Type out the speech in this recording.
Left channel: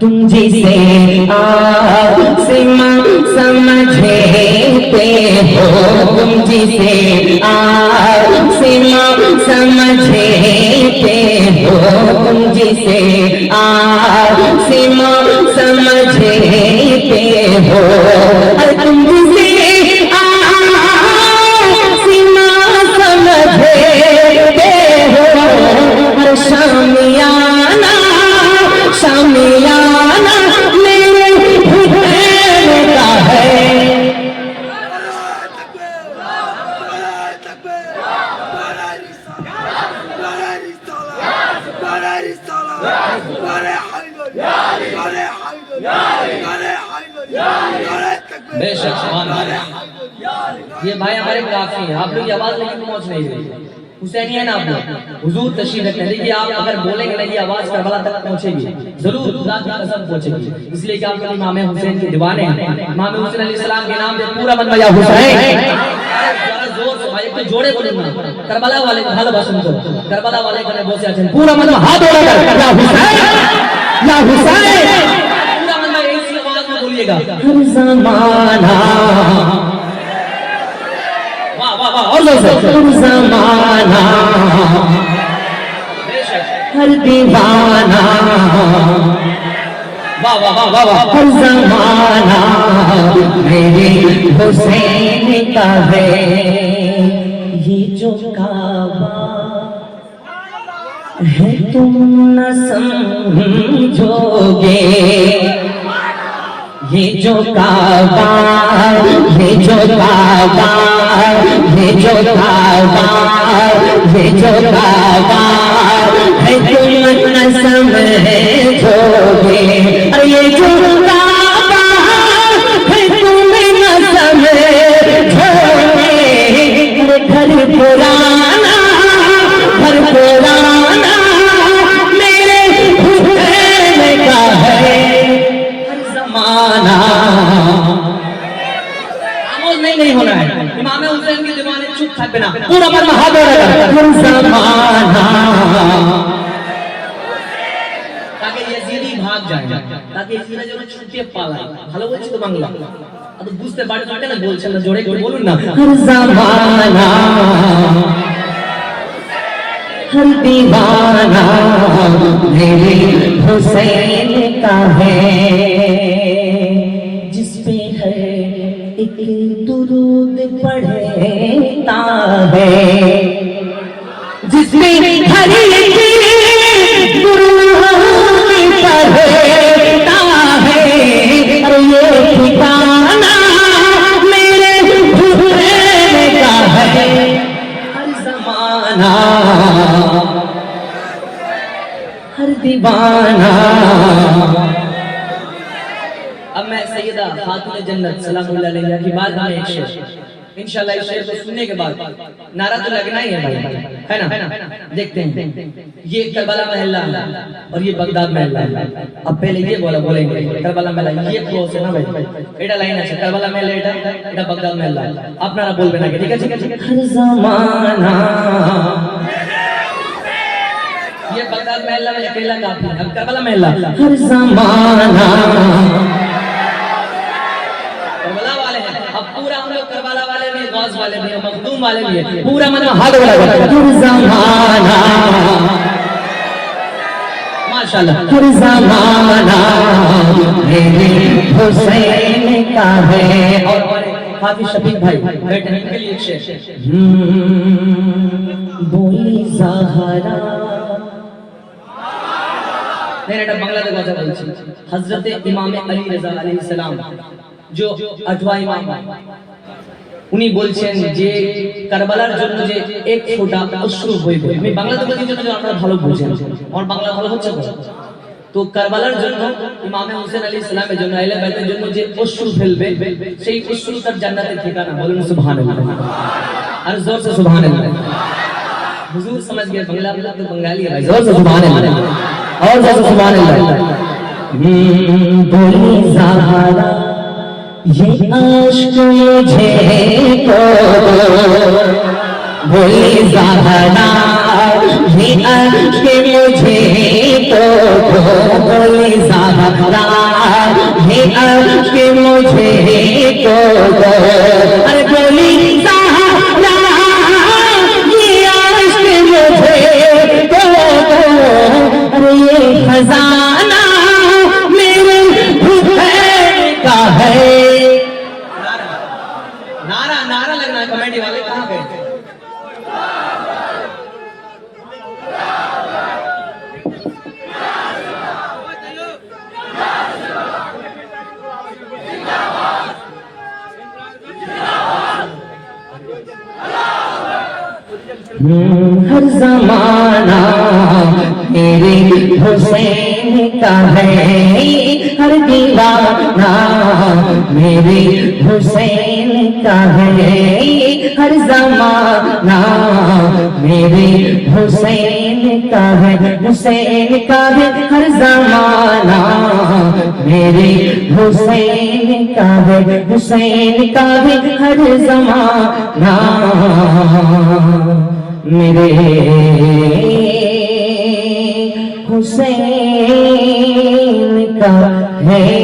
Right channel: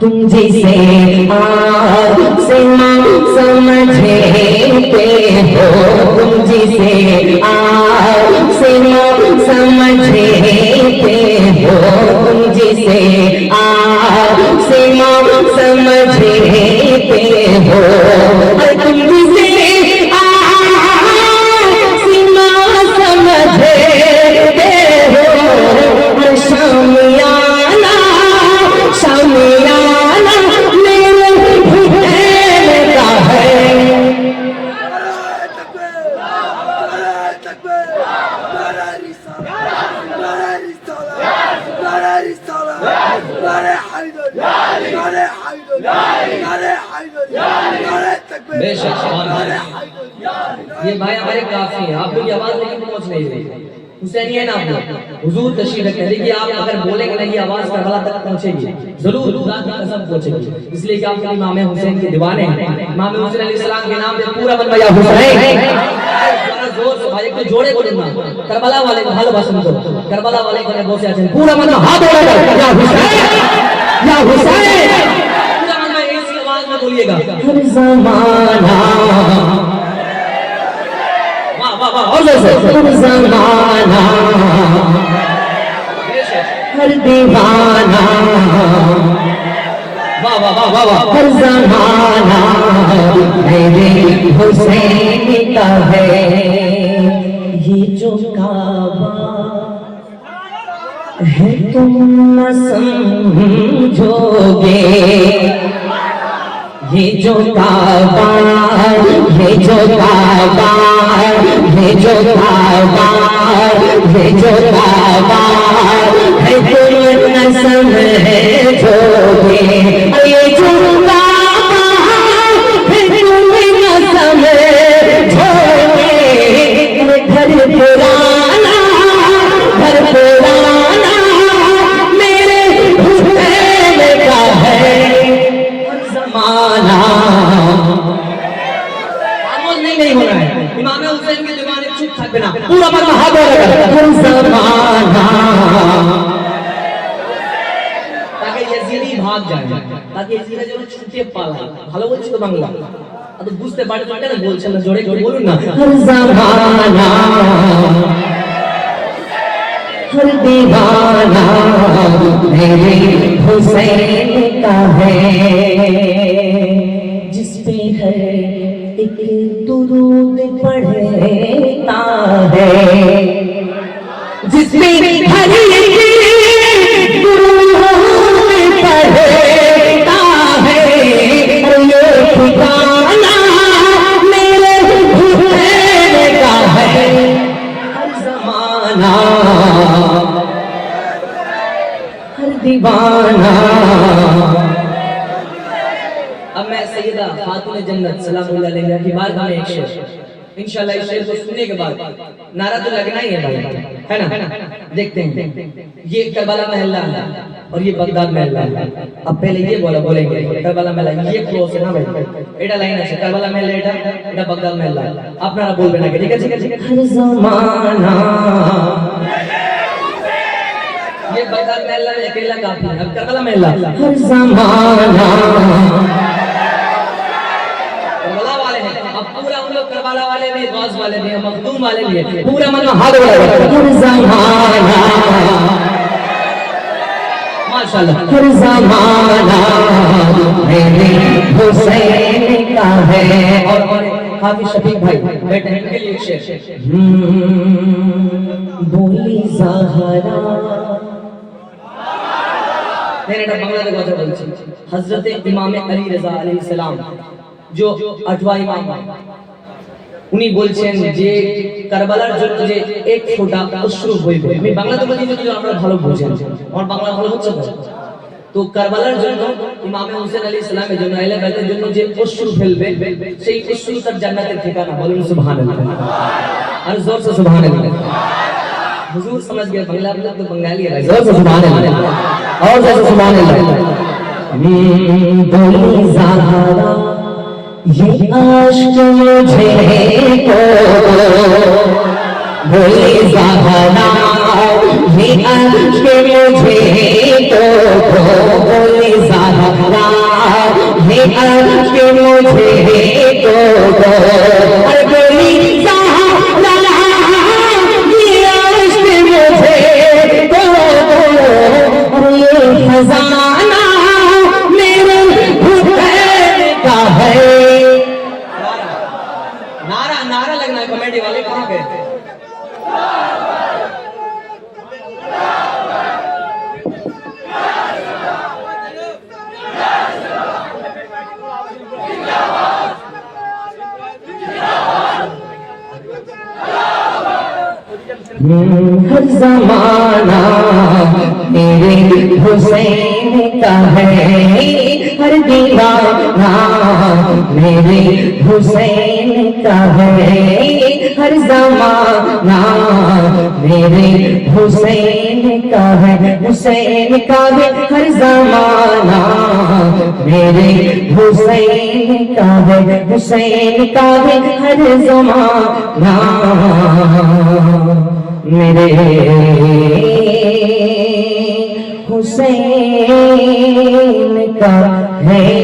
तुम जिसे आसिमा समझते हो, तुम जिसे आसिमा समझते हो, तुम जिसे आसिमा समझते हो, तुम जिसे आसिमा समझते हो, शामियाना शामियाना मेरे हुसैन का है। बेशक ये भाई हमारे काफी हैं, आप लोग की आवाज लेकिन पहुंच नहीं रही। हुसैनी है ना आप लोग, हुजूर तशरीफ रखते हैं, देखिए आप अगर बोलेंगे ना ये आवाज करबला तक पहुंचेगी, जरूर खुदा की कसम पहुंचेगी। इसलिए कि आप लोग इमाम हुसैन के दीवाने हैं। इमाम हुसैन अलैहिस्सलाम के नाम पे पूरा मन या हुसैन जोर से भाई को जोड़े बोले ना, करबला वाले को ভালোবাসেন তো, करबला वाले को বসে আছেন पूरा मन हाथ उठा कर या हुसैन या हुसैन, पूरा मन इसी आवाज में बोलिएगा हर ज़माना और जैसे हर ज़माना हर दीवाना वाह वाह वाह वाह वाह हर ज़माना मेरे हुसैन का है। ये जो काबा है तुम न समझोगे, ये जो काबा ये जो काबा ये जो काबा ये जो काबा है तुम न समझोगे, ये जो काबा है तुम न समझोगे, घर पुराना मेरे हुसैन का है। हर ज़माना नहीं होना है, इमाम हुसैन के दीवाने चुप থাকবে না, पूरा मन हाथ हर ज़माना ताकि यजीदी भाग जाए, ताकि यजीदी যেন ছুটে পালায়। ভালো বলছি তো বাংলা, তো বুঝতে পারে তো এটা বলছেন না, জোরে করে বলুন না। हर ज़माना हर दीवाना मेरे हुसैन का है। जिस पे है एक दुरूद पढ़ता है, जिस पे हर एक दुरूद पढ़ता है, और ये ठिकाना मेरे हुसैन का है। हर ज़माना हर दीवाना। अब मैं सैयदा खातून जन्नत सलामुल्लाह अलैहा की बात हमें एक शेर, इंशाल्लाह इस शेर को सुनने के बाद नारा तो लगना ही है भाई, है ना? देखते हैं, ये करबला महल्ला है और ये बगदाद महल्ला है। अब पहले ये बोलेंगे करबला महल्ला, ये क्लोज है ना भाई, এটা লাইন আছে करबला महल्ला, এটা बगदाद महल्ला, আপনারা বলবেন আগে, ঠিক আছে? हर ज़माना ये बगदाद महल्ला में अकेला काफी है, अब करबला महल्ला हर ज़माना करबला वाले हैं, अब पूरा हम लोग करबला वाले भी, गौस वाले भी, मखदूम वाले भी है, पूरा मन में हाथ उठाकर हर ज़माना माशाल्लाह। हर ज़माना मेरे हुसैन का है। और हाफिज शफीक भाई बैठे हैं, इनके लिए एक शेर। बोली ज़हरा नहीं এটা বাংলাতে কথা বলছি। হযরতে ইমাম আলী রাযা আলাইহিস সালাম जो 8वां ইমাম, উনি বলছেন যে কারবালার জন্য যে এক ফোঁটা অশ্রু বইবে, আমি বাংলাতে বলছি যেন আপনারা ভালো বুঝেন, আমার বাংলা ভালো হচ্ছে তো। তো কারবালার জন্য ইমাম হোসেন আলাইহিস সালামের জন্য, আহলে বাইতের জন্য যে অশ্রু ফেলবে, সেই অশ্রু তার জান্নাতের ঠিকানা। বলুন সুবহানাল্লাহ, আর জোর से সুবহানাল্লাহ। हुजूर समझ गए, बंगला मतलब तो बंगाली है भाई, जोर से सुभान अल्लाह और जोर से सुभान अल्लाह। बोली ज़हरा ये आशिक मुझे को, बोली ज़हरा ये आशिक मुझे को, बोली ज़हरा हर जमाना मेरे हुसैन का है, हर दीवाना मेरे हुसैन का है, हर जमाना मेरे हुसैन का है, हुसैन का है हर जमाना मेरे हुसैन का है, हुसैन का है हर जमाना मेरे हुसैन का है।